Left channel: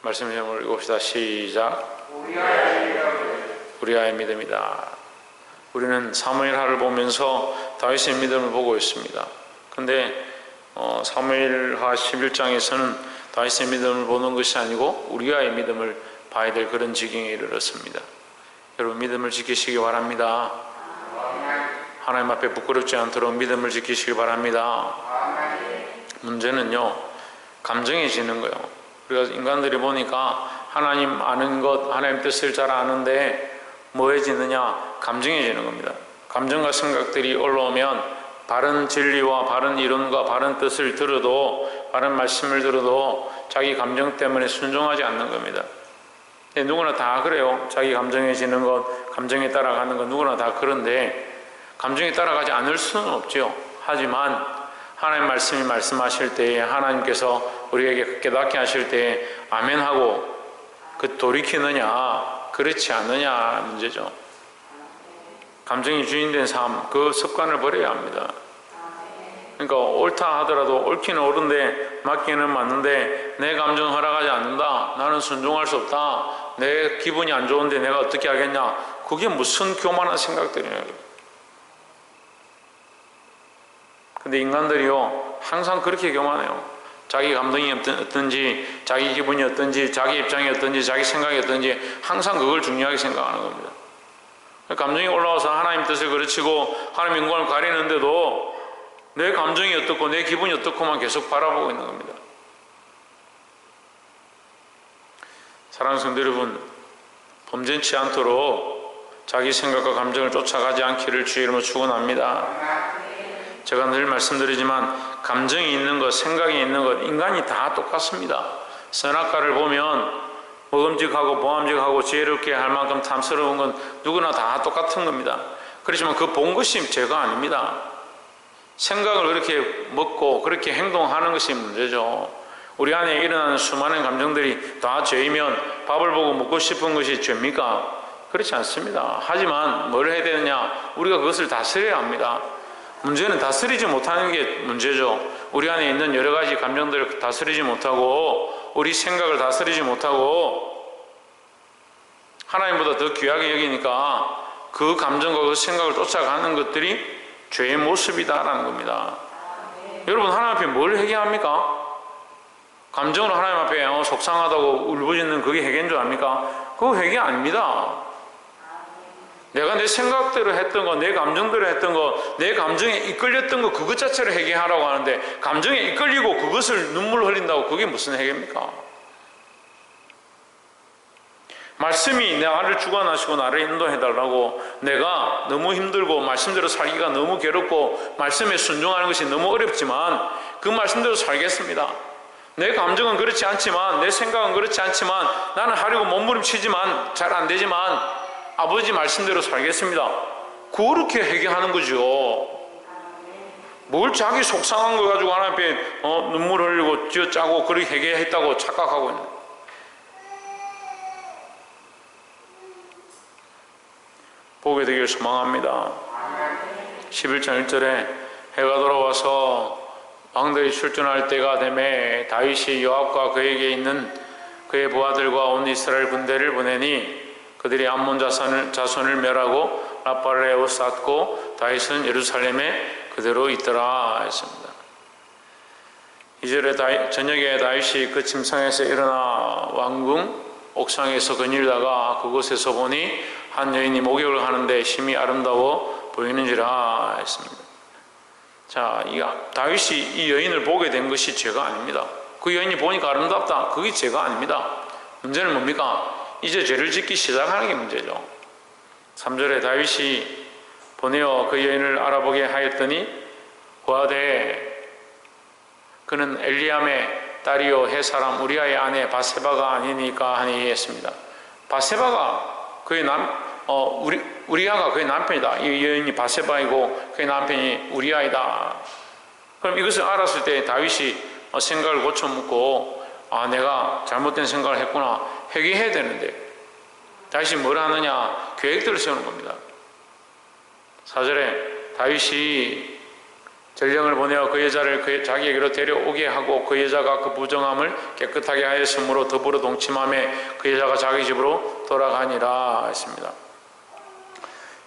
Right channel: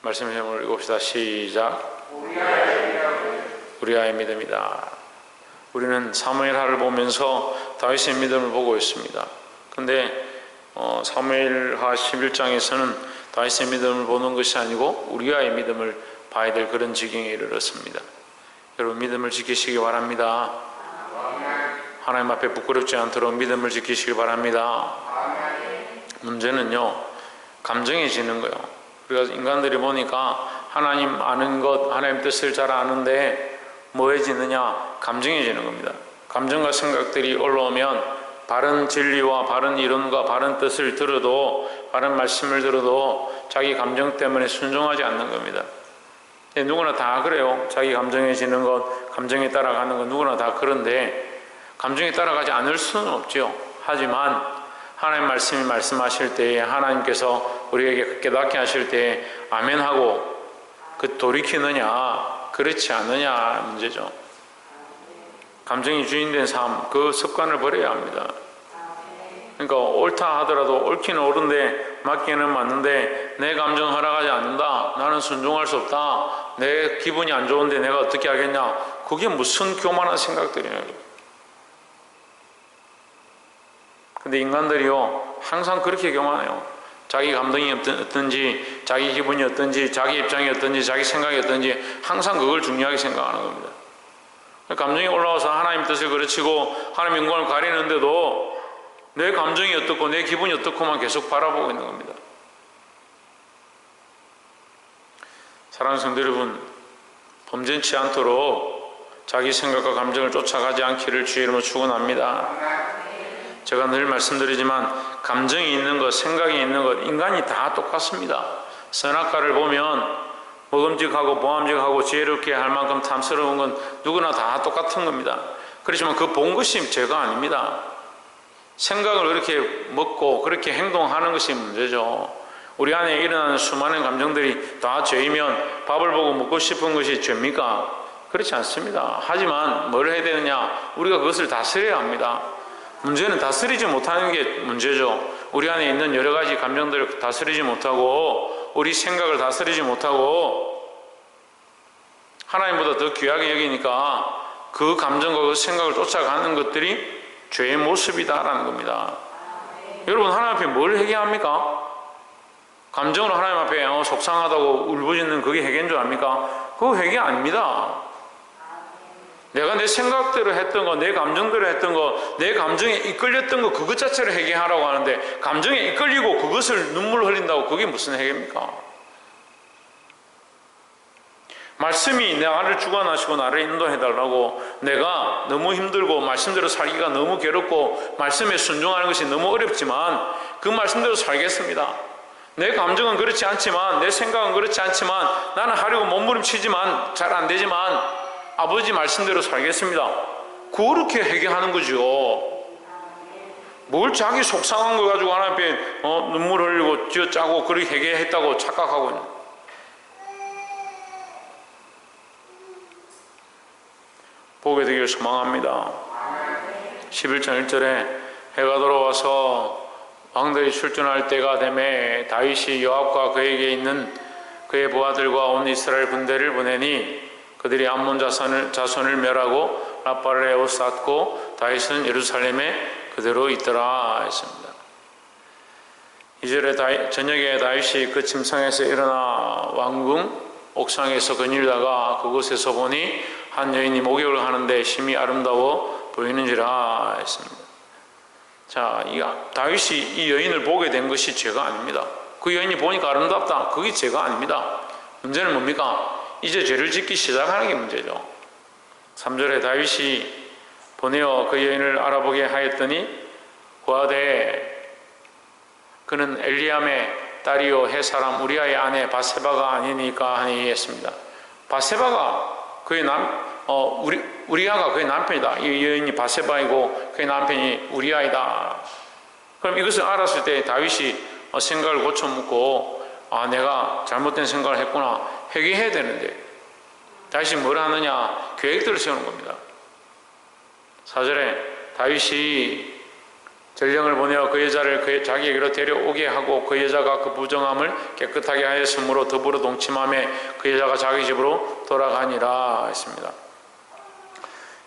말씀 제목을 읽읍시다. 시작. 우리아의 믿음이다. 우리는 사무엘하를 보면서 다윗의 믿음을 보고 있습니다. 근데 사무엘하 11장에서는 다윗의 믿음을 보는 것이 아니고 우리아의 믿음을 봐야 될 그런 지경에 이르렀습니다. 여러분, 믿음을 지키시기 바랍니다. 하나님 앞에 부끄럽지 않도록 믿음을 지키시기 바랍니다. 문제는요, 감정해지는 거예요. 우리가 인간들이 보니까 하나님 아는 것, 하나님 뜻을 잘 아는데 뭐해지느냐? 감정해지는 겁니다. 감정과 생각들이 올라오면 바른 진리와 바른 이론과 바른 뜻을 들어도, 바른 말씀을 들어도 자기 감정 때문에 순종하지 않는 겁니다. 누구나 다 그래요. 자기 감정해지는 것, 감정에 따라가는 것, 누구나 다 그런데 감정에 따라가지 않을 수는 없죠. 하지만 하나님 말씀이 말씀하실 때에, 하나님께서 우리에게 깨닫게 하실 때에 아멘하고 돌이키느냐 그렇지 않느냐 문제죠. 감정이 주인된 삶, 그 습관을 버려야 합니다. 그러니까 옳다 하더라도 옳기는 옳은데 맞기는 맞는데 내 감정 허락하지 않는다, 나는 순종할 수 없다, 내 기분이 안 좋은데 내가 어떻게 하겠냐, 그게 무슨 교만한 생각들이냐. 근데 인간들이요, 항상 그렇게 교만해요. 자기 감정이 어떤지, 자기 기분이 어떤지, 자기 입장이 어떤지, 자기 생각이 어떤지 항상 그걸 중요하게 생각하는 겁니다. 감정이 올라와서 하나님 뜻을 그르치고 하나님 영광을 가리는데도 내 감정이 어떻고 내 기분이 어떻고만 계속 바라보고 있는 겁니다. 사랑하는 성도 여러분, 범죄치 않도록 자기 생각과 감정을 쫓아가지 않기를 주의 이름으로 축원합니다. 제가 늘 말씀드리지만 감정이 있는 것, 생각이 있는 것, 인간이 다 똑같습니다. 선악과를 보면 먹음직하고 보암직하고 지혜롭게 할 만큼 탐스러운 건 누구나 다 똑같은 겁니다. 그렇지만 그 본 것이 죄가 아닙니다. 생각을 그렇게 먹고 그렇게 행동하는 것이 문제죠. 우리 안에 일어나는 수많은 감정들이 다 죄이면 밥을 보고 먹고 싶은 것이 죄입니까? 그렇지 않습니다. 하지만 뭘 해야 되느냐? 우리가 그것을 다스려야 합니다. 문제는 다스리지 못하는 게 문제죠. 우리 안에 있는 여러 가지 감정들을 다스리지 못하고, 우리 생각을 다스리지 못하고 하나님보다 더 귀하게 여기니까 그 감정과 그 생각을 쫓아가는 것들이 죄의 모습이다라는 겁니다. 여러분, 하나님 앞에 뭘 회개합니까? 감정으로 하나님 앞에 속상하다고 울부짖는 그게 회개인 줄 압니까? 그거 회개 아닙니다. 내가 내 생각대로 했던 거, 내 감정대로 했던 거, 내 감정에 이끌렸던 거, 그것 자체를 회개하라고 하는데 감정에 이끌리고 그것을 눈물 흘린다고 그게 무슨 회개입니까? 말씀이 나를 주관하시고 나를 인도해달라고, 내가 너무 힘들고 말씀대로 살기가 너무 괴롭고 말씀에 순종하는 것이 너무 어렵지만 그 말씀대로 살겠습니다. 내 감정은 그렇지 않지만, 내 생각은 그렇지 않지만, 나는 하려고 몸부림치지만 잘 안 되지만 아버지 말씀대로 살겠습니다. 그렇게 회개하는 거죠. 뭘 자기 속상한 거 가지고 하나님 앞에 눈물 흘리고 쥐어짜고 그렇게 회개했다고 착각하고 있는. 보게 되길 소망합니다. 11장 1절에 해가 돌아와서 왕들이 출전할 때가 되매 다윗이 요압과 그에게 있는 그의 부하들과 온 이스라엘 군대를 보내니 그들이 암몬 자손을 멸하고 라빠를 에워쌌고 다윗은 예루살렘에 그대로 있더라 했습니다. 2절에 저녁에 다윗이 그 침상에서 일어나 왕궁 옥상에서 거닐다가 그곳에서 보니 한 여인이 목욕을 하는데 심히 아름다워 보이는지라 했습니다. 자, 다윗이 이 여인을 보게 된 것이 죄가 아닙니다. 그 여인이 보니까 아름답다, 그게 죄가 아닙니다. 문제는 뭡니까? 이제 죄를 짓기 시작하는 게 문제죠. 3절에 다윗이 보내어 그 여인을 알아보게 하였더니 고하되 그는 엘리암의 딸이요 햇사람 우리아의 아내 바세바가 아니니까 하니 했습니다. 바세바가 그의 우리아가 그의 남편이다. 이 여인이 바세바이고 그의 남편이 우리아이다. 그럼 이것을 알았을 때 다윗이 생각을 고쳐묻고, 내가 잘못된 생각을 했구나, 회개해야 되는데 다윗이 뭘 하느냐? 계획들을 세우는 겁니다. 4절에 다윗이 전령을 보내어 그 여자를 자기에게로 데려오게 하고 그 여자가 그 부정함을 깨끗하게 하였으므로 더불어 동침함에 그 여자가 자기 집으로 돌아가니라 했습니다.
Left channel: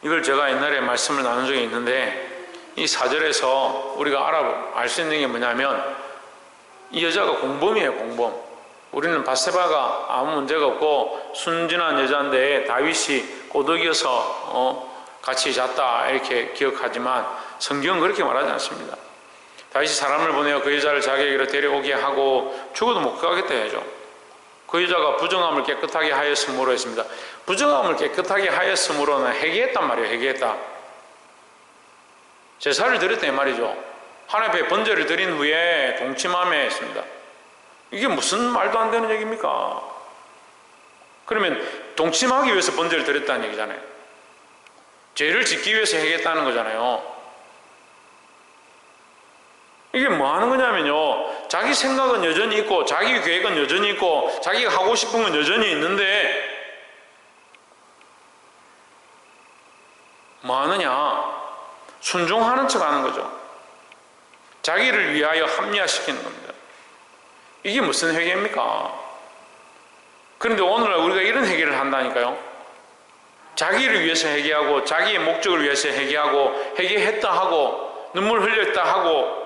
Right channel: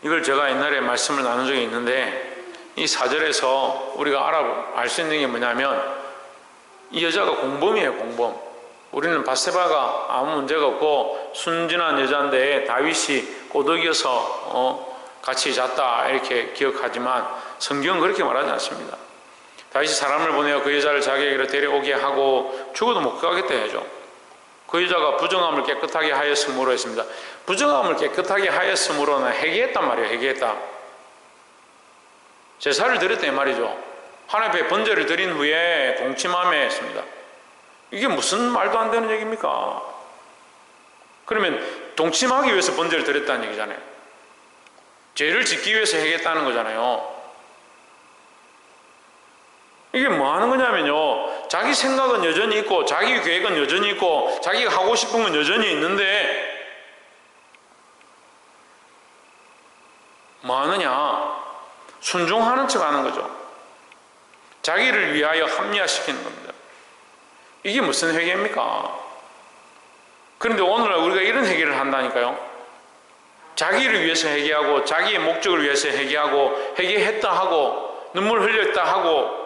이걸 제가 옛날에 말씀을 나눈 적이 있는데 이 4절에서 우리가 알 수 있는 게 뭐냐면 이 여자가 공범이에요. 공범. 우리는 바세바가 아무 문제가 없고 순진한 여자인데 다윗이 꼬드겨서 같이 잤다 이렇게 기억하지만 성경은 그렇게 말하지 않습니다. 다윗이 사람을 보내어 그 여자를 자기에게로 데려오게 하고 죽어도 못 가겠다 해야죠. 그 여자가 부정함을 깨끗하게 하였으므로 했습니다. 부정함을 깨끗하게 하였으므로는 회개했단 말이에요. 회개했다. 제사를 드렸다 이 말이죠. 하나님 앞에 번제를 드린 후에 동침함에 했습니다. 이게 무슨 말도 안 되는 얘기입니까? 그러면 동침하기 위해서 번제를 드렸다는 얘기잖아요. 죄를 짓기 위해서 회개했다는 거잖아요. 이게 뭐 하는 거냐면요, 자기 생각은 여전히 있고 자기 계획은 여전히 있고 자기가 하고 싶은 건 여전히 있는데 뭐 하느냐? 순종하는 척 하는 거죠. 자기를 위하여 합리화시키는 겁니다. 이게 무슨 회개입니까? 그런데 오늘날 우리가 이런 회개를 한다니까요. 자기를 위해서 회개하고 자기의 목적을 위해서 회개하고 회개했다 하고 눈물 흘렸다 하고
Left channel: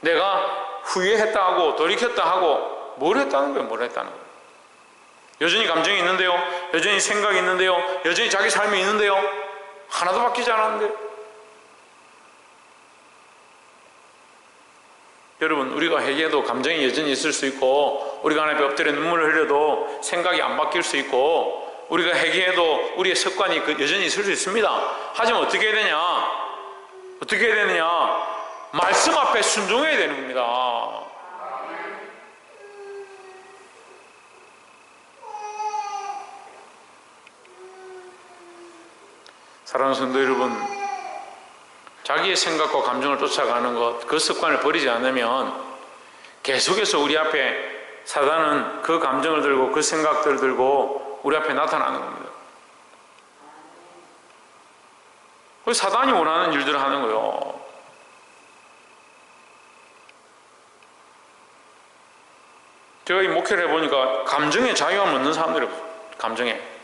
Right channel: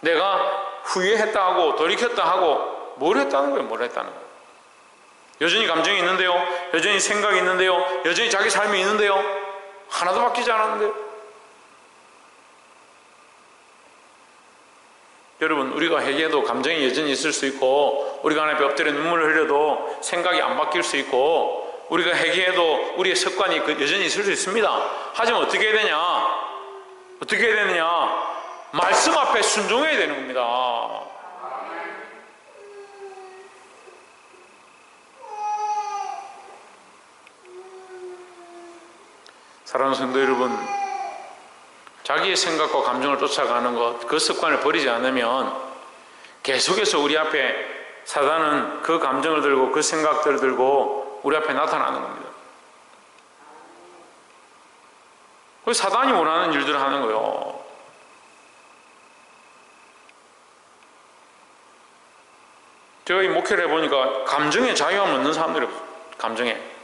내가 후회했다 하고 돌이켰다 하고 뭘 했다는 거예요? 뭘 했다는 거예요? 여전히 감정이 있는데요, 여전히 생각이 있는데요, 여전히 자기 삶이 있는데요, 하나도 바뀌지 않았는데. 여러분, 우리가 회개해도 감정이 여전히 있을 수 있고 우리가 하나님 앞에 엎드려 눈물을 흘려도 생각이 안 바뀔 수 있고 우리가 회개해도 우리의 습관이 여전히 있을 수 있습니다. 하지만 어떻게 해야 되냐? 어떻게 해야 되느냐? 말씀 앞에 순종해야 되는 겁니다. 사랑하는 성도 여러분, 자기의 생각과 감정을 쫓아가는 것, 그 습관을 버리지 않으면 계속해서 우리 앞에 사단은 그 감정을 들고 그 생각들을 들고 우리 앞에 나타나는 겁니다. 그 사단이 원하는 일들을 하는 거예요. 제가 이 목회를 해보니까 감정에 자유함 없는 사람들이 없어요. 감정에.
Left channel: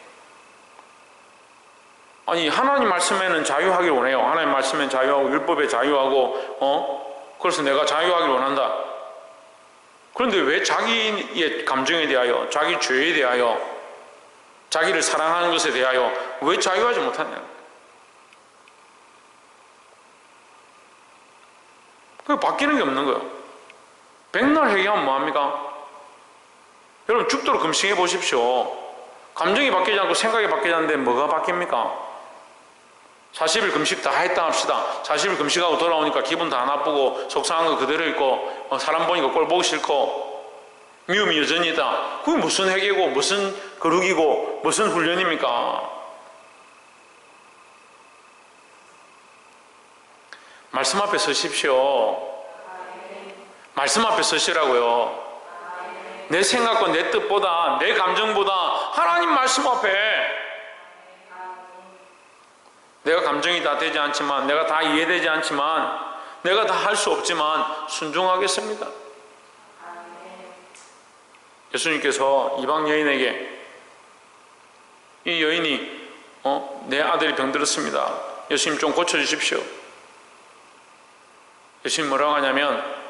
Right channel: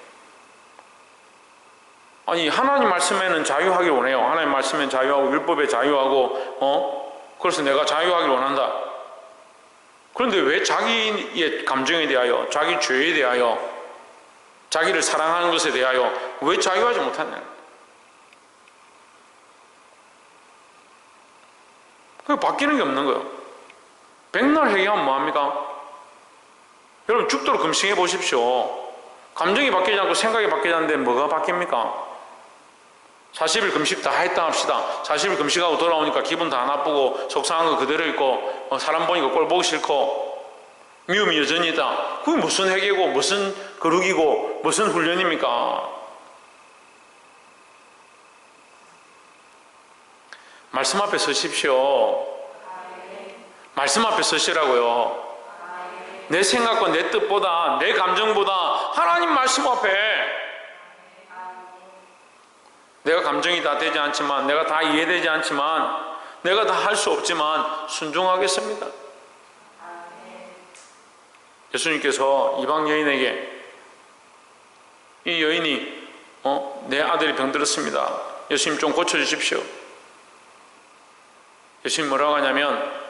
아니, 하나님 말씀에는 자유하길 원해요. 하나님 말씀에는 자유하고 율법에 자유하고 그래서 내가 자유하길 원한다. 그런데 왜 자기의 감정에 대하여, 자기 죄에 대하여, 자기를 사랑하는 것에 대하여 왜 자유하지 못하냐? 그 바뀌는 게 없는 거예요. 백날 회개하면 뭐합니까? 여러분, 죽도록 금식해 보십시오. 감정이 바뀌지 않고 생각이 바뀌지 않는데 뭐가 바뀝니까? 40일 금식 다 했다 합시다. 40일 금식하고 돌아오니까 기분 다 나쁘고 속상한 거 그대로 있고 사람 보니까 꼴 보기 싫고 미움이 여전히 있다. 그게 무슨 회개고 무슨 거룩이고 무슨 훈련입니까? 말씀 앞에 서십시오. 말씀 앞에 서시라고요. 내 생각과 내 뜻보다 내 감정보다 하나님 말씀 앞에. 내가 감정이 다 되지 않지만, 내가 다 이해되지 않지만, 내가 다 할 수 없지만 순종하겠습니다. 예수님께서 이방 여인에게, 이 여인이 내 아들이 병들었습니다. 예수님 좀 고쳐주십시오. 예수님 뭐라고 하냐면,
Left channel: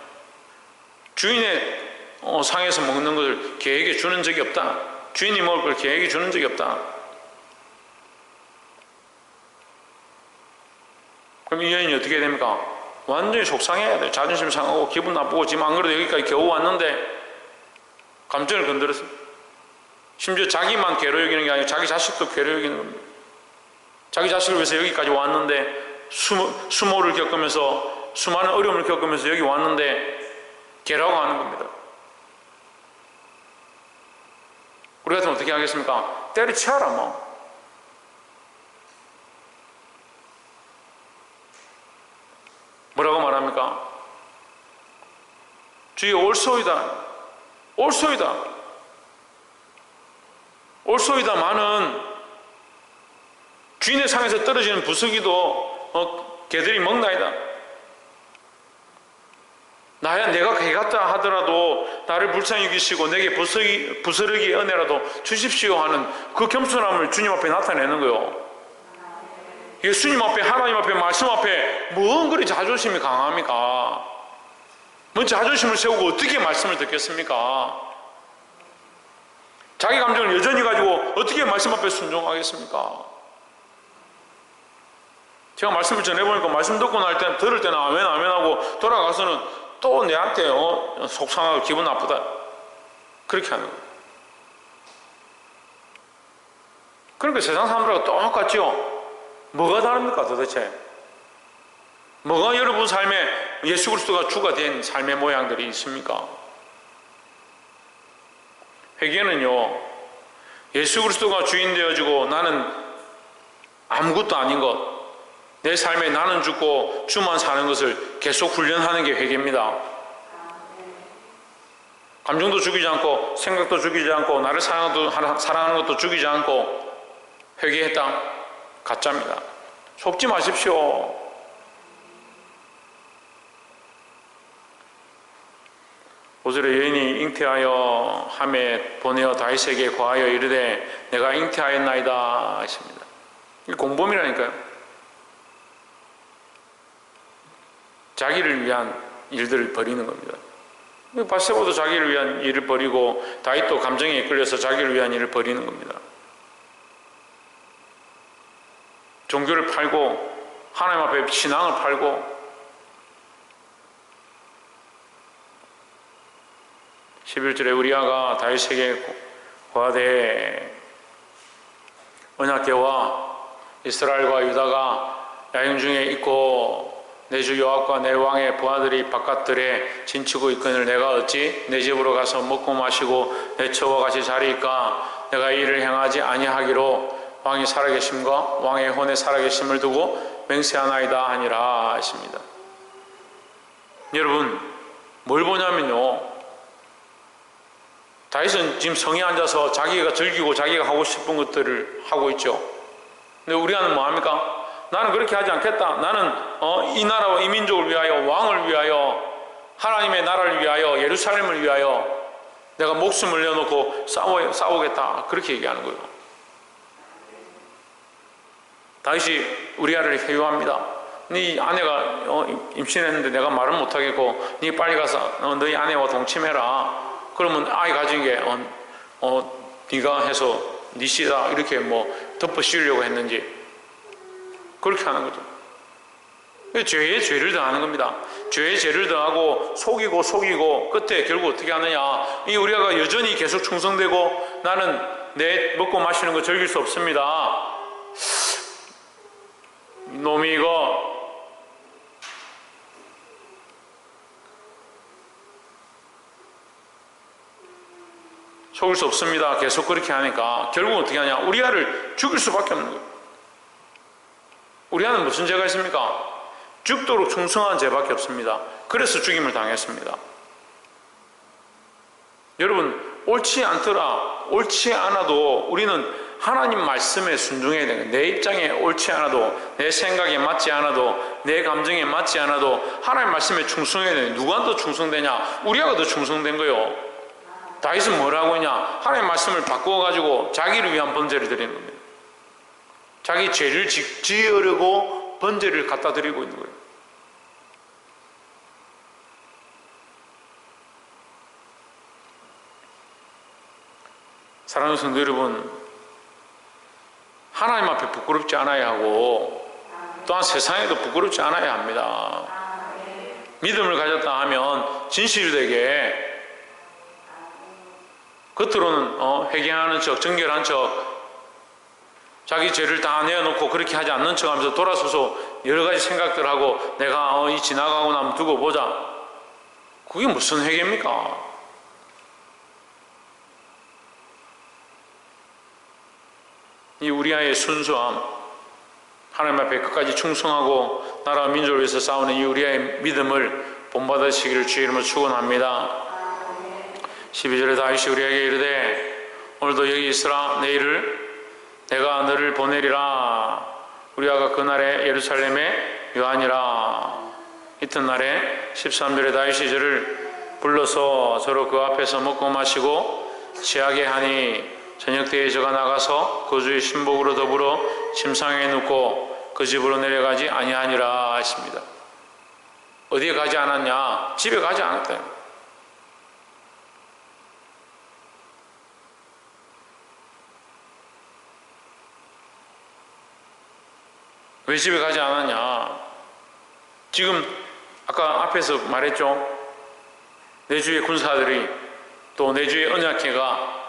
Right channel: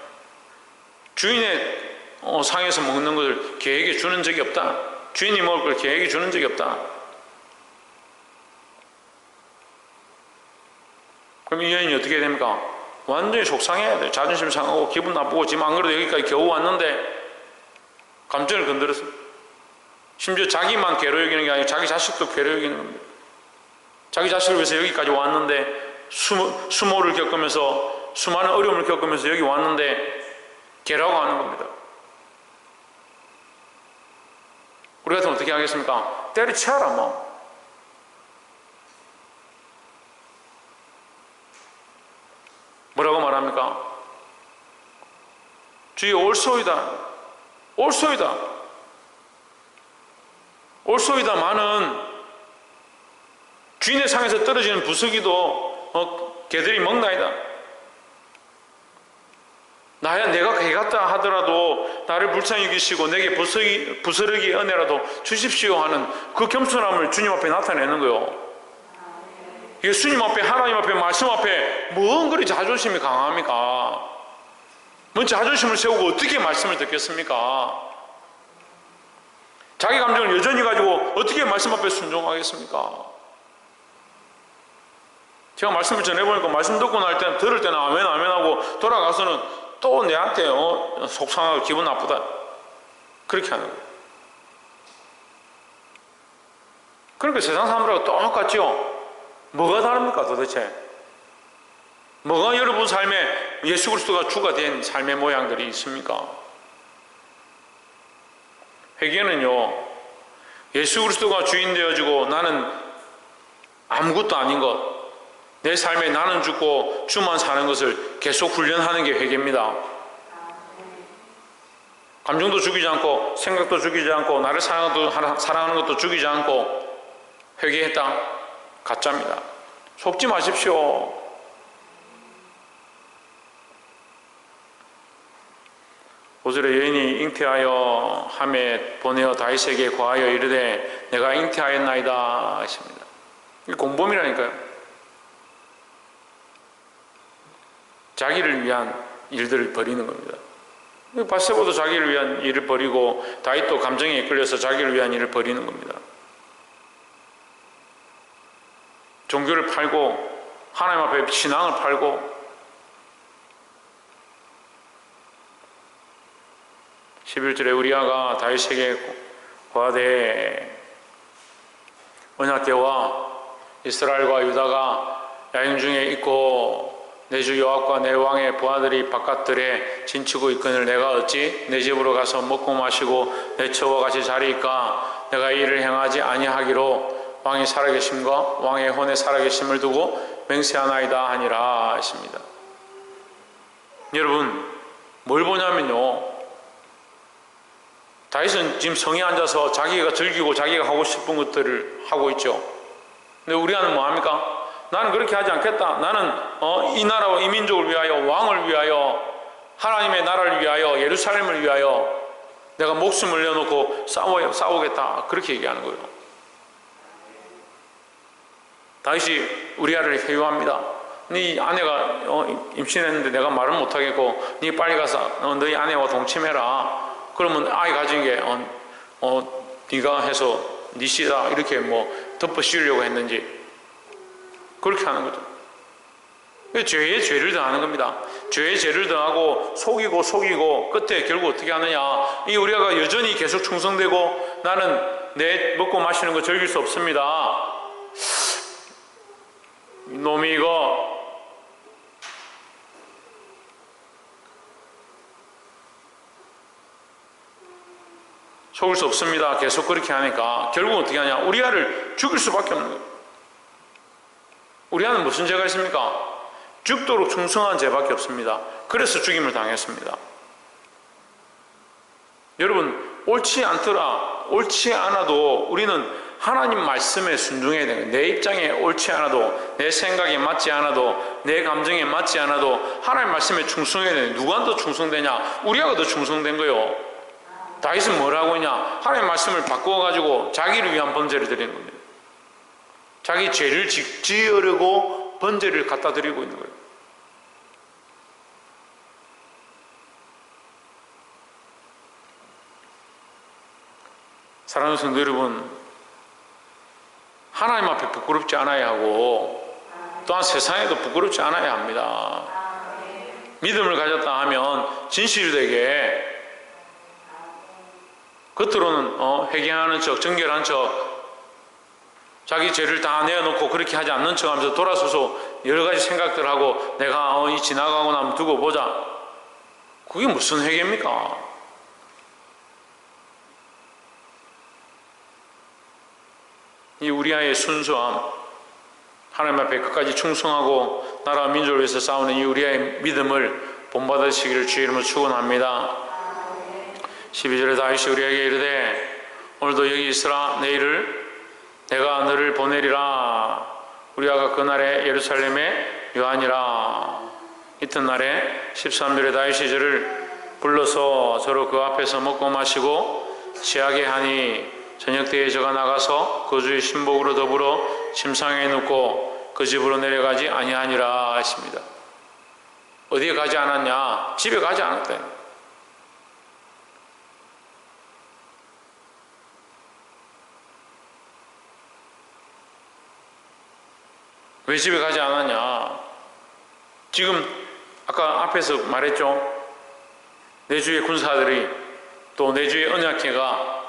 주인의 상에서 먹는 것을 개에게 주는 적이 없다. 주인이 먹을 걸 개에게 주는 적이 없다. 그럼 이 여인이 어떻게 됩니까? 완전히 속상해야 돼요. 자존심 상하고 기분 나쁘고 지금 안 그래도 여기까지 겨우 왔는데 감정을 건드렸어요. 심지어 자기만 괴로 여기는 게 아니라 자기 자식도 괴로 여기는 겁니다. 자기 자식을 위해서 여기까지 왔는데 수모를 겪으면서 수많은 어려움을 겪으면서 여기 왔는데 괴라고 하는 겁니다. 우리 같으면 어떻게 하겠습니까? 때려치워라 뭐. 뭐라고 말합니까? 주여 올소이다. 올소이다. 올소이다마는 주인의 상에서 떨어지는 부스기도 개들이 먹나이다. 내가 개같다 하더라도 나를 불쌍히 여기시고 내게 부스러기 은혜라도 주십시오 하는 그 겸손함을 주님 앞에 나타내는 거요. 예수님 앞에, 하나님 앞에, 말씀 앞에 뭔 그리 자존심이 강합니까? 뭔 자존심을 세우고 어떻게 말씀을 듣겠습니까? 자기 감정을 여전히 가지고 어떻게 말씀 앞에 순종하겠습니까? 제가 말씀을 전해보니까 말씀 듣고 날 때는, 들을 때는 아멘 아멘 하고 돌아가서는 또 내한테 속상하고 기분 나쁘다 그렇게 하는 거예요. 그러니까 세상 사람들하고 똑같죠. 뭐가 다릅니까 도대체? 뭐가 여러분 삶에 예수 그리스도가 주가 된 삶의 모양들이 있습니까? 회개는요, 예수 그리스도가 주인 되어지고 나는 아무것도 아닌 것, 내 삶에 나는 죽고 주만 사는 것을 계속 훈련하는 게 회개입니다. 감정도 죽이지 않고 생각도 죽이지 않고 나를 사랑하는 것도 죽이지 않고 회개했다? 가짜입니다. 속지 마십시오. 오절에 여인이 잉태하여 함에 보내어 다윗에게 고하여 이르되 내가 잉태하였나이다 하십니다. 이 공범이라니까요. 자기를 위한 일들을 벌이는 겁니다. 바세바도 자기를 위한 일을 벌이고 다윗도 감정에 이끌려서 자기를 위한 일을 벌이는 겁니다. 종교를 팔고 하나님 앞에 신앙을 팔고 11절에 우리아가 다윗에게 고하되 언약궤와 이스라엘과 유다가 야영 중에 있고 내 주 여호와과 내 왕의 부하들이 바깥들에 진치고 있거늘 내가 어찌 내 집으로 가서 먹고 마시고 내 처와 같이 자리이까 내가 이를 행하지 아니하기로 왕이 살아계심과 왕의 혼의 살아계심을 두고 맹세하나이다 하니라 하십니다. 여러분 뭘 보냐면요, 다윗은 지금 성에 앉아서 자기가 즐기고 자기가 하고 싶은 것들을 하고 있죠. 근데 우리는 뭐합니까? 나는 그렇게 하지 않겠다. 나는 이 나라와 이 민족을 위하여, 왕을 위하여, 하나님의 나라를 위하여, 예루살렘을 위하여 내가 목숨을 내어놓고 싸우겠다. 그렇게 얘기하는 거예요. 다윗이 우리아를 회유합니다. 네 아내가 임신했는데 내가 말을 못하겠고 네 빨리 가서 너희 아내와 동침해라. 그러면 아이 가진 게 네가 해서 네 씨다 이렇게 덮어 씌우려고 했는지 그렇게 하는 거죠. 죄에 죄를 더하는 겁니다. 죄에 죄를 더하고 속이고 끝에 결국 어떻게 하느냐, 이 우리가 여전히 계속 충성되고 나는 내 먹고 마시는 거 즐길 수 없습니다. 놈이 이거 속을 수 없습니다. 계속 그렇게 하니까 결국은 어떻게 하냐, 우리아를 죽일 수밖에 없는 거예요. 우리아는 무슨 죄가 있습니까? 죽도록 충성한 죄밖에 없습니다. 그래서 죽임을 당했습니다. 여러분 옳지 않더라, 옳지 않아도 우리는 하나님 말씀에 순종해야 되는 거예요. 내 입장에 옳지 않아도, 내 생각에 맞지 않아도, 내 감정에 맞지 않아도 하나님 말씀에 충성해야 되는 거예요. 누가 더 충성되냐? 우리아가 더 충성된 거예요. 다윗은 뭐라고 했냐? 하나님 말씀을 바꾸어가지고 자기를 위한 번제를 드리는 겁니다. 자기 죄를 지으려고 번제를 갖다 드리고 있는 거예요. 사랑하는 성도 여러분, 하나님 앞에 부끄럽지 않아야 하고 또한 세상에도 부끄럽지 않아야 합니다. 믿음을 가졌다 하면 진실되게 겉으로는 회개하는 척, 정결한 척, 자기 죄를 다 내어놓고 그렇게 하지 않는 척 하면서 돌아서서 여러 가지 생각들하고 내가 이 지나가고 나면 두고 보자. 그게 무슨 회개입니까? 이 우리아의 순수함, 하나님 앞에 끝까지 충성하고 나라와 민족을 위해서 싸우는 이 우리아의 믿음을 본받으시기를 주의 이름으로 축원합니다. 12절에 다윗이 우리에게 이르되 오늘도 여기 있으라, 내일을 내가 너를 보내리라. 우리아가 그날에 예루살렘에 유하니라. 이튿날에 13절에 다윗이 저를 불러서 저로 그 앞에서 먹고 마시고 취하게 하니 저녁 때에 저가 나가서 그 주의 신복으로 더불어 침상에 눕고 그 집으로 내려가지 아니하니라 했습니다. 어디에 가지 않았냐? 집에 가지 않았다. 왜 집에 가지 않았냐? 지금 아까 앞에서 말했죠. 내 주의 군사들이 또 내 주의 언약궤가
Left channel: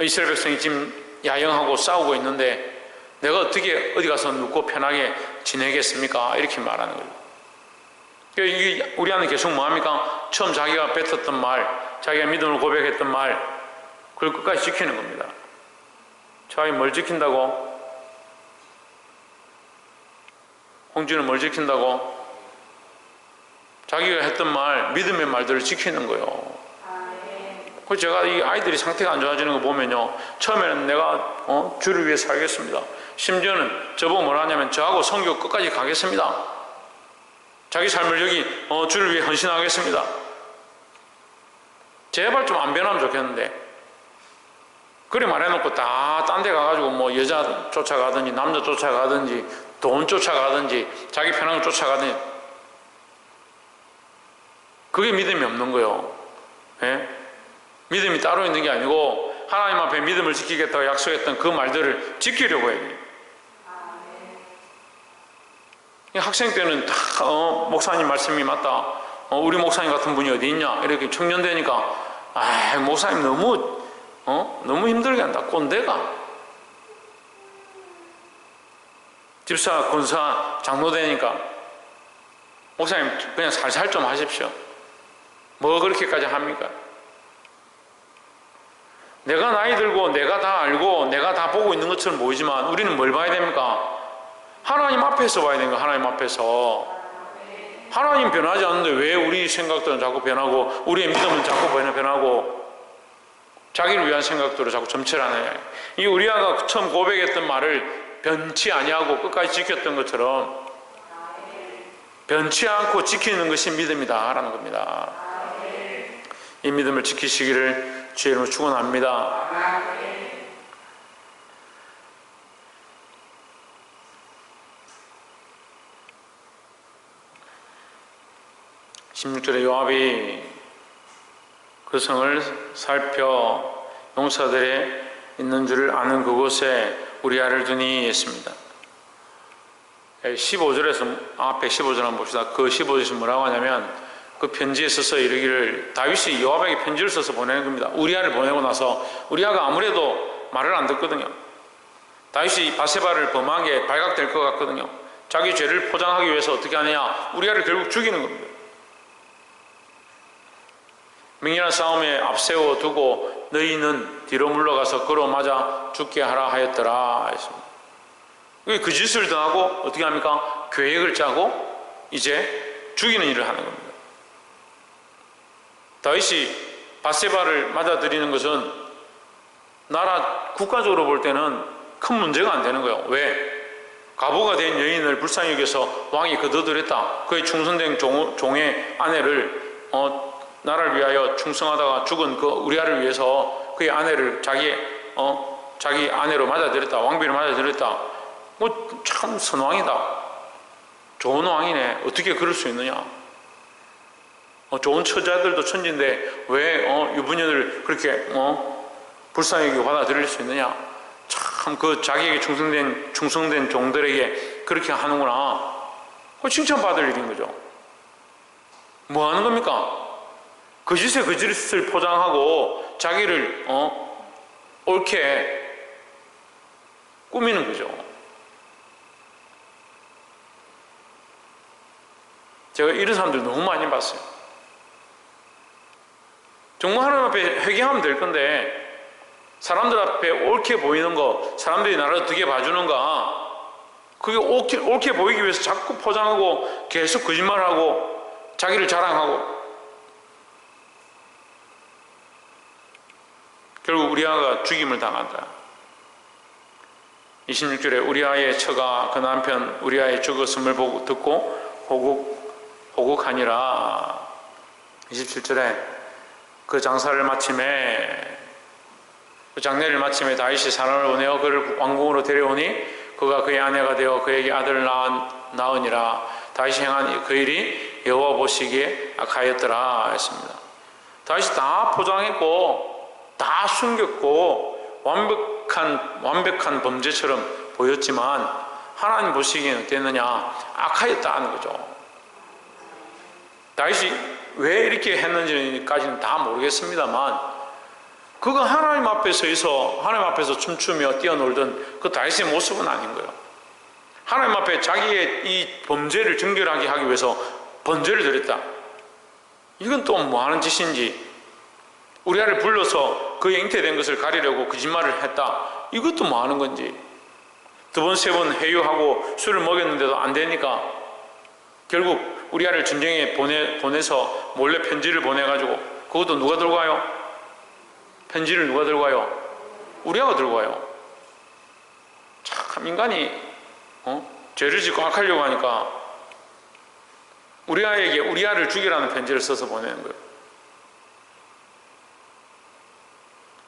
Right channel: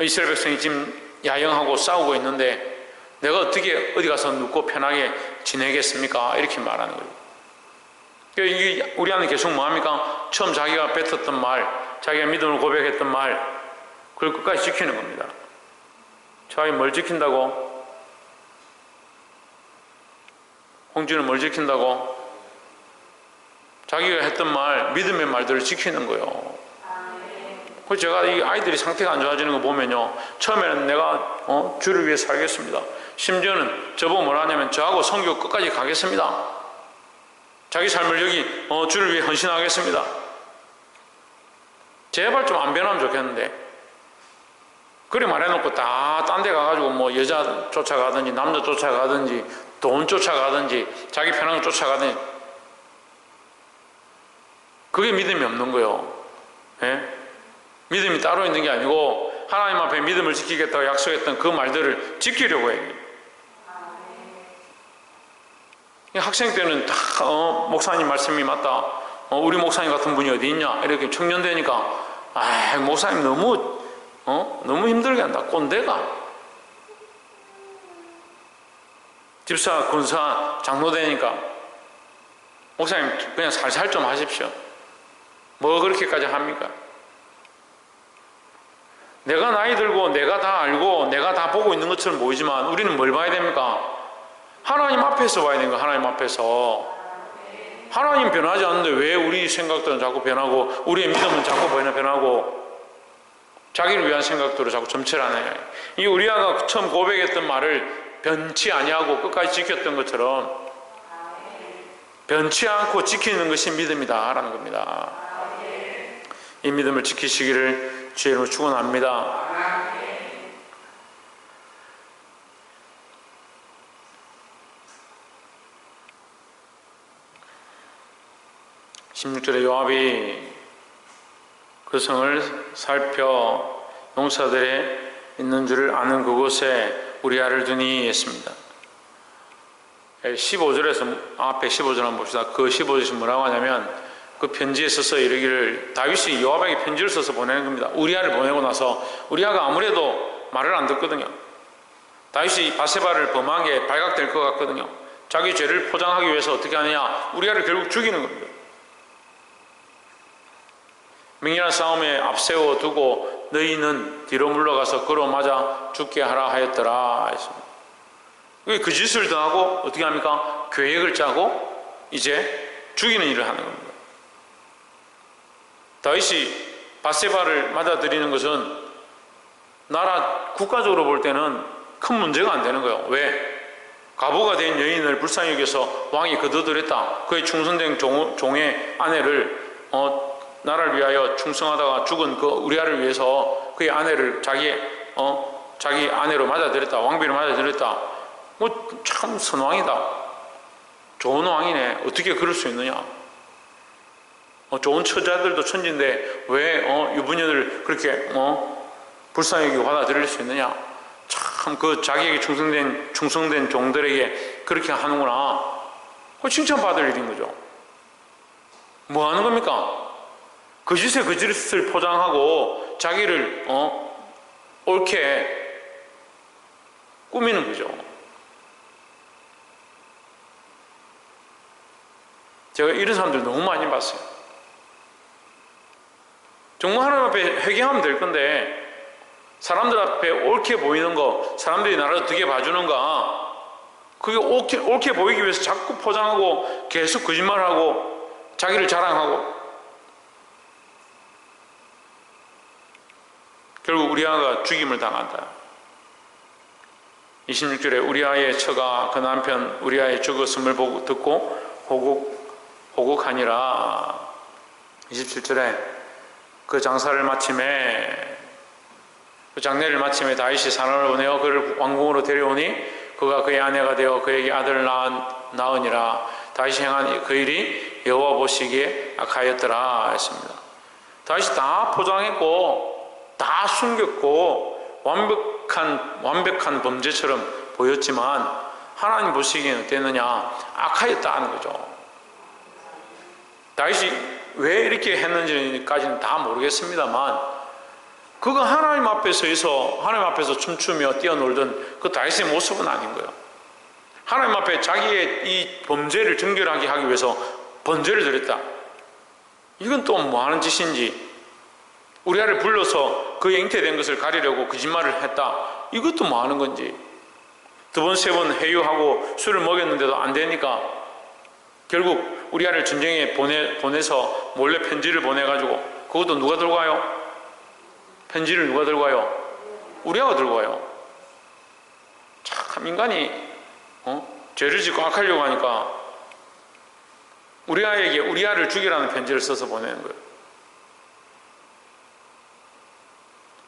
이스라엘 백성이 지금 야영하고 싸우고 있는데 내가 어떻게 어디 가서 눕고 편하게 지내겠습니까? 이렇게 말하는 거예요. 이게 우리 안에 계속 뭐합니까? 처음 자기가 뱉었던 말, 자기가 믿음을 고백했던 말, 그걸 끝까지 지키는 겁니다. 자기 뭘 지킨다고? 홍준은 뭘 지킨다고? 자기가 했던 말, 믿음의 말들을 지키는 거예요. 그래서 제가 이 아이들이 상태가 안 좋아지는 거 보면요, 처음에는 내가 주를 위해 살겠습니다. 심지어는 저보고 뭐라 하냐면 저하고 선교 끝까지 가겠습니다. 자기 삶을 여기 주를 위해 헌신하겠습니다. 제발 좀 안 변하면 좋겠는데, 그래 말해놓고 다 딴 데 가가지고 뭐 여자 쫓아가든지 남자 쫓아가든지 돈 쫓아가든지 자기 편한 거 쫓아가든지, 그게 믿음이 없는 거예요. 예? 믿음이 따로 있는 게 아니고 하나님 앞에 믿음을 지키겠다고 약속했던 그 말들을 지키려고 해요. 학생 때는 다 목사님 말씀이 맞다, 우리 목사님 같은 분이 어디 있냐, 이렇게 청년 되니까 목사님 너무 힘들게 한다, 꼰대가. 집사, 군사, 장로 되니까 목사님 그냥 살살 좀 하십시오. 뭐 그렇게까지 합니까? 내가 나이 들고 내가 다 알고 내가 다 보고 있는 것처럼 보이지만 우리는 뭘 봐야 됩니까? 하나님 앞에서 봐야 되는 거야. 하나님 앞에서. 하나님 변하지 않는데 왜 우리 생각들은 자꾸 변하고 우리의 믿음은 자꾸 변하고 자기를 위한 생각들을 자꾸 점철하네. 이 우리아가 처음 고백했던 말을 변치 아니하고 끝까지 지켰던 것처럼 변치 않고 지키는 것이 믿음이다 라는 겁니다. 이 믿음을 지키시기를 주의 이름으로 축원합니다. 16절에 요압이 그 성을 살펴 용사들의 있는 줄을 아는 그곳에 우리아를 두니 했습니다. 15절에서 앞에 15절 한번 봅시다. 그 15절에서 뭐라고 하냐면 그 편지에 써서 이르기를, 다윗이 요압에게 편지를 써서 보내는 겁니다. 우리아를 보내고 나서 우리아가 아무래도 말을 안 듣거든요. 다윗이 바세바를 범한 게 발각될 것 같거든요. 자기 죄를 포장하기 위해서 어떻게 하느냐, 우리아를 결국 죽이는 겁니다. 맹렬한 싸움에 앞세워 두고 너희는 뒤로 물러가서 그로 맞아 죽게 하라 하였더라 했습니다. 그 짓을 당하고 어떻게 합니까? 계획을 짜고 이제 죽이는 일을 하는 겁니다. 다윗이 바세바를 맞아들이는 것은 나라 국가적으로 볼 때는 큰 문제가 안 되는 거예요. 왜? 과부가 된 여인을 불쌍히 여겨서 왕이 거둬들였다. 그의 충성된 종의 아내를 나라를 위하여 충성하다가 죽은 그 우리아를 위해서 그의 아내를 자기 아내로 맞아들였다. 왕비로 맞아들였다. 뭐 참 선왕이다. 좋은 왕이네. 어떻게 그럴 수 있느냐? 좋은 처자들도 천지인데 왜 유부녀를 그렇게 불쌍히 여기고 받아들일 수 있느냐? 참 그 자기에게 충성된 종들에게 그렇게 하는구나. 그 칭찬받을 일인 거죠. 뭐 하는 겁니까? 거짓에 거짓을 포장하고 자기를 옳게 꾸미는 거죠. 제가 이런 사람들 너무 많이 봤어요. 정말 하나님 앞에 회개하면 될 건데 사람들 앞에 옳게 보이는 거, 사람들이 나를 어떻게 봐주는가, 그게 옳게 보이기 위해서 자꾸 포장하고 계속 거짓말하고 자기를 자랑하고, 결국 우리아가 죽임을 당한다. 26절에 우리아의 처가 그 남편 우리아의 죽었음을 듣고 호국하니라. 27절에 그 장사를 마침에, 그 장례를 마침에 다윗이 사람을 보내어 그를 왕궁으로 데려오니 그가 그의 아내가 되어 그에게 아들을 낳으니라. 다윗이 행한 그 일이 여호와 보시기에 악하였더라 했습니다. 다윗이 다 포장했고 다 숨겼고 완벽한 범죄처럼 보였지만 하나님 보시기에는 어땠느냐? 악하였다는 거죠. 다윗이 왜 이렇게 했는지까지는 다 모르겠습니다만 그가 하나님 앞에 서서 하나님 앞에서 춤추며 뛰어놀던 그 다윗의 모습은 아닌 거예요. 하나님 앞에 자기의 이 범죄를 정결하게 하기 위해서 번제를 드렸다. 이건 또 뭐 하는 짓인지, 우리아를 불러서 그의 잉태된 것을 가리려고 거짓말을 했다. 이것도 뭐 하는 건지, 두 번, 세 번 회유하고 술을 먹였는데도 안 되니까 결국 우리아를 전쟁에 보내서 몰래 편지를 보내가지고, 그것도 누가 들고 가요? 편지를 누가 들고 가요? 우리아가 들고 가요. 참 인간이 죄를 짓고 악하려고 하니까 우리아에게 우리아를 죽이라는 편지를 써서 보내는 거예요.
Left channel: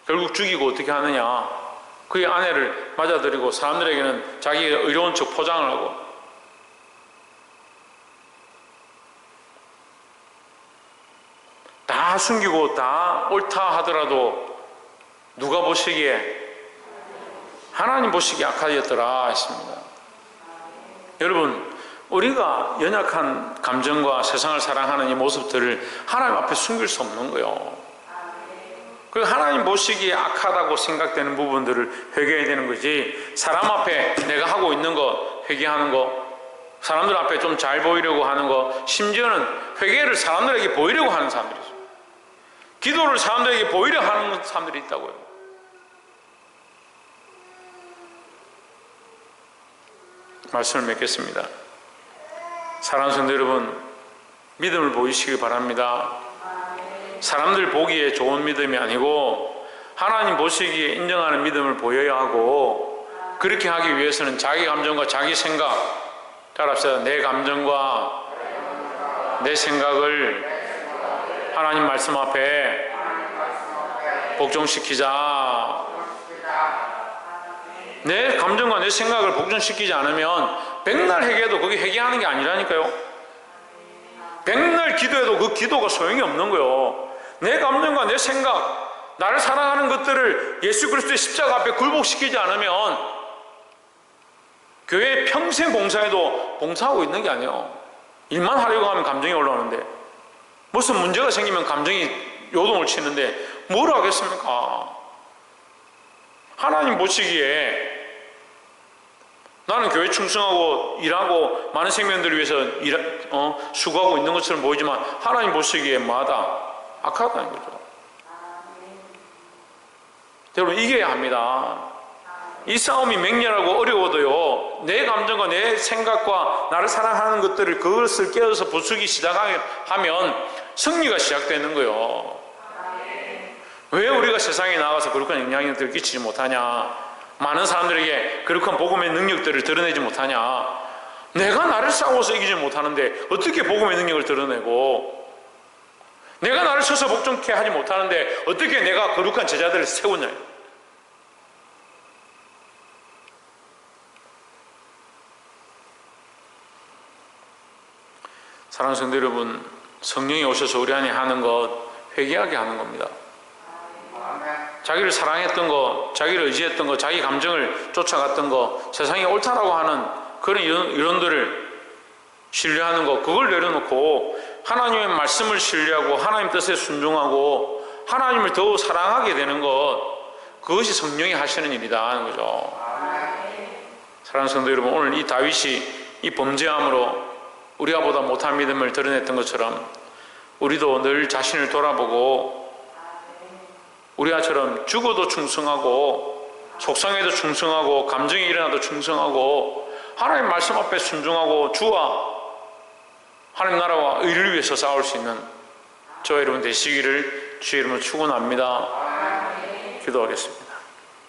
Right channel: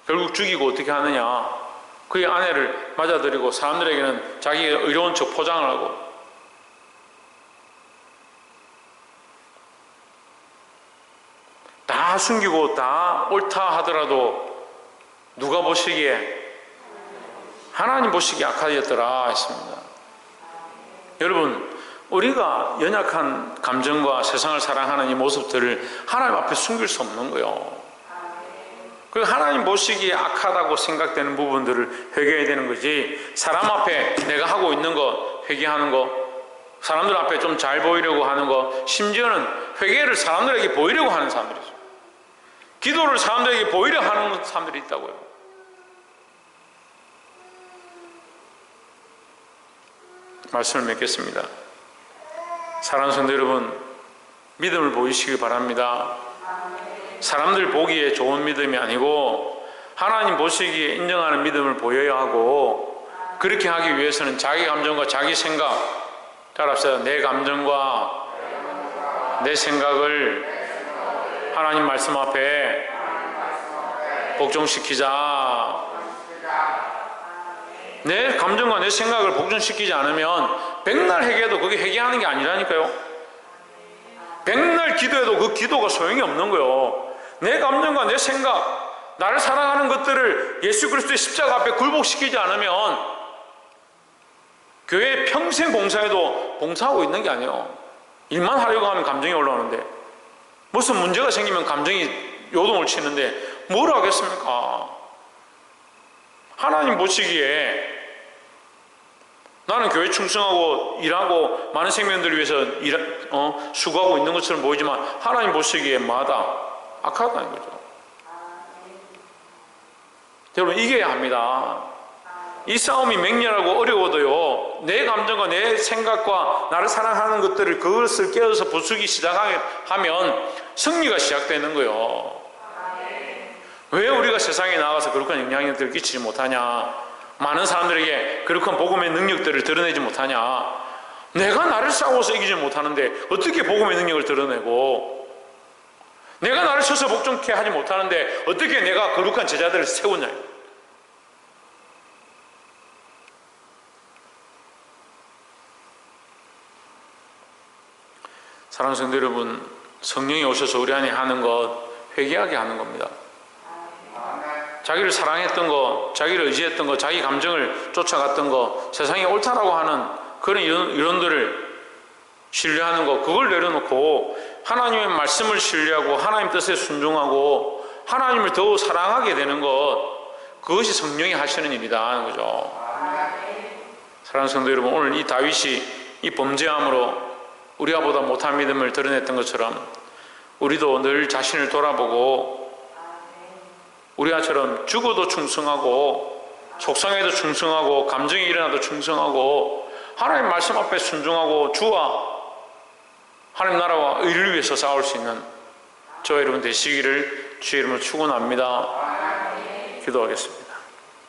결국 죽이고 어떻게 하느냐? 그의 아내를 맞아들이고 사람들에게는 자기가 의로운 척 포장을 하고, 다 숨기고 다 옳다 하더라도 누가 보시기에? 하나님 보시기에 악하였더라 했습니다. 여러분, 우리가 연약한 감정과 세상을 사랑하는 이 모습들을 하나님 앞에 숨길 수 없는 거예요. 그리고 하나님 보시기에 악하다고 생각되는 부분들을 회개해야 되는 거지, 사람 앞에 내가 하고 있는 거 회개하는 거, 사람들 앞에 좀 잘 보이려고 하는 거, 심지어는 회개를 사람들에게 보이려고 하는 사람들이 있어요. 기도를 사람들에게 보이려 하는 사람들이 있다고요. 말씀을 맺겠습니다. 사랑하는 성도 여러분, 믿음을 보이시기 바랍니다. 사람들 보기에 좋은 믿음이 아니고 하나님 보시기에 인정하는 믿음을 보여야 하고, 그렇게 하기 위해서는 자기 감정과 자기 생각, 따라합시다. 내 감정과 내 생각을 하나님 말씀 앞에 복종시키자. 내 감정과 내 생각을 복종시키지 않으면 백날 회개해도 그게 회개하는 게 아니라니까요. 백날 기도해도 그 기도가 소용이 없는 거예요. 내 감정과 내 생각, 나를 사랑하는 것들을 예수 그리스도의 십자가 앞에 굴복시키지 않으면 교회 평생 봉사해도 봉사하고 있는 게 아니에요. 일만 하려고 하면 감정이 올라오는데, 무슨 문제가 생기면 감정이 요동을 치는데 뭘 하겠습니까? 하나님 보시기에 나는 교회 충성하고 일하고 많은 생명들을 위해서 수고하고 있는 것처럼 보이지만 하나님 보시기에 마다 악하다는 거죠. 여러분, 이겨야 합니다. 이 싸움이 맹렬하고 어려워도요, 내 감정과 내 생각과 나를 사랑하는 것들을, 그것을 깨어서 부수기 시작하면 승리가 시작되는 거예요. 왜 우리가 세상에 나가서 그렇게 영향력들을 끼치지 못하냐? 많은 사람들에게 그렇게 복음의 능력들을 드러내지 못하냐? 내가 나를 싸워서 이기지 못하는데 어떻게 복음의 능력을 드러내고, 내가 나를 서서 복종케 하지 못하는데 어떻게 내가 거룩한 제자들을 세우냐? 사랑하는 성도 여러분, 성령이 오셔서 우리 안에 하는 것, 회개하게 하는 겁니다. 자기를 사랑했던 거, 자기를 의지했던 거, 자기 감정을 쫓아갔던 거, 세상이 옳다라고 하는 그런 이론들을 신뢰하는 거, 그걸 내려놓고 하나님의 말씀을 신뢰하고 하나님 뜻에 순종하고 하나님을 더욱 사랑하게 되는 것, 그것이 성령이 하시는 일이다 하는 거죠. 사랑하는 성도 여러분, 오늘 이 다윗이 이 범죄함으로 우리가 보다 못한 믿음을 드러냈던 것처럼 우리도 늘 자신을 돌아보고 우리가처럼 죽어도 충성하고 속상해도 충성하고 감정이 일어나도 충성하고 하나님 말씀 앞에 순종하고 주와 하나님 나라와 의를 위해서 싸울 수 있는 저와 여러분 되시기를 주의 이름으로 축원합니다. 기도하겠습니다.